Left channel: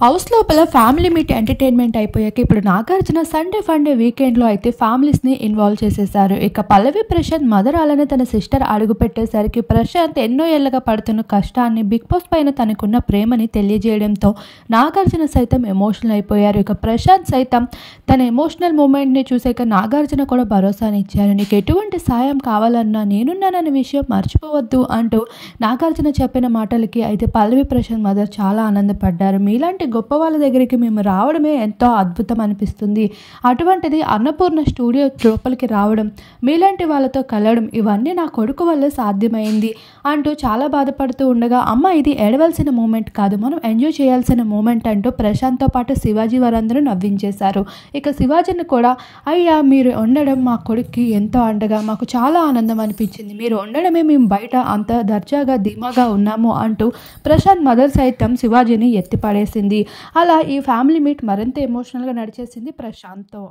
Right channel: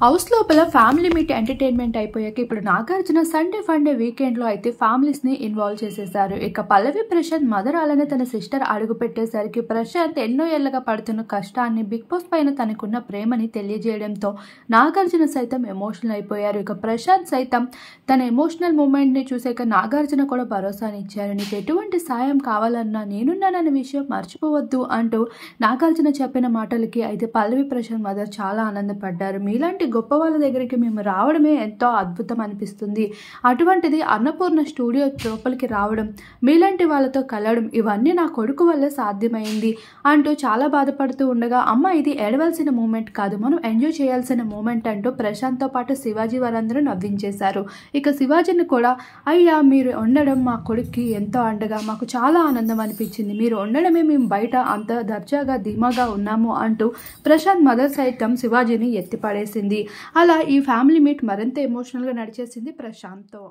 House లోపల family meet entertainment అయిపోయాక ఇప్పుడు నాగార్జున సండే ఫండే వీకెండ్లో అయితే ఫ్యామిలీస్ని ఇన్వాల్వ్ చేసేసారు. ఇక పల్లవి ప్రశాంత్ మదర్ అలానే తన సిస్టర్ అడుగు పెట్టేసరికి ప్రశాంత్ ఎన్నో ఏళ్ళగా పడుతున్న కష్టాన్ని బిగ్ బాస్ పైన తనకున్న ప్రేమని తెలియజేయడంతో నాగార్జున సైతం ఎమోషనల్ అయిపోయారు. ఇక ప్రశాంత్ సైతం తన ఎమోషనల్ మూమెంట్ని చూసాక నాగార్జున కూడా భరోసాని ఇచ్చారు. నీకు ఎటువంటి సాయం కావాలన్నా నేనున్నానన్న విషయం మర్చిపోవద్దు అంటూ నాగార్జున చెప్పిన మాటలకి అయితే పల్లవి ప్రశాంత్ మదర్ చాలా ఆనందపడ్డారు. మీలాంటి గొప్ప వాళ్ళ దగ్గరికి మేము రావడమే ఎంతో అద్భుతం అనిపిస్తుంది. అటువంటిది అన్నపూర్ణ స్టూడియో లోపలికి రావడం, మీలాంటి వాళ్ళతో కలవడం ఇవన్నీ నా కొడుకు వల్లే సాధ్యమైంది అంటూ చాలా బాధపడుతూ ఉండగా, అమ్మ ఇది ఏడవలసిన మూమెంట్ కాదు, మనం ఎంజాయ్ చేయాల్సిన మూమెంట్ అంటూ ప్రశాంత్తో పాటు శివాజీ వారందరూ నవ్వించేశారు. ఇక శివాజీని కూడా, అయ్యా మీరు ఉండడం మా కొడుక్కి ఎంతో అండగా మాకు చాలా ఆనందం అనిపించింది, మీరు ఉండడమే మేము బయట అంత దర్జాగా ధీమాగా ఉన్నాము అంటూ ప్రశాంత్ మదర్ సైతం శివాజీని ఎత్తిపడేసింది. అలా ఈ ఫ్యామిలీ మీట్ మరింత ఎమోషనల్గా నడిచేసింది ప్రశాంత్తో.